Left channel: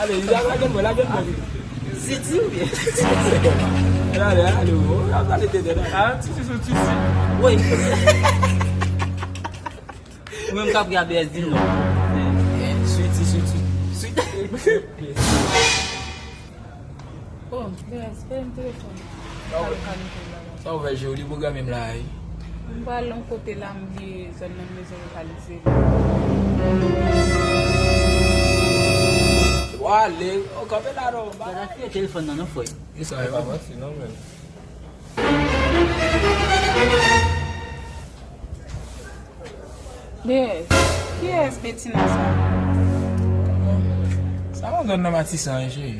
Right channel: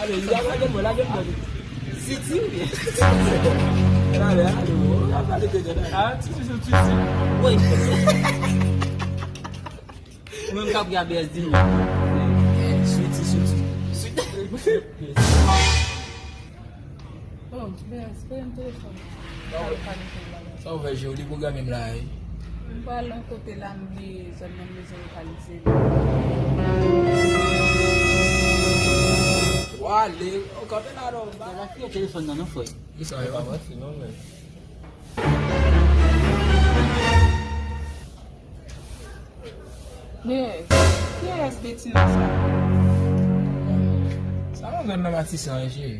Allez, il a la gueule, la gueule. Siti ou bien? Allez, ah, tu sais. Oui. Ou même quand regarder elle dit non. Suite. Oh, espera un téléphone. Ça va joli boga même là. On va l'un côté là, me dit seulement maison localisée. Allez, on compte là non. Ela fez o telefone não foi? Isso aí, vai assim, não, velho. Yes. Qui est Bettina ça? Ça va donner ma 600 G.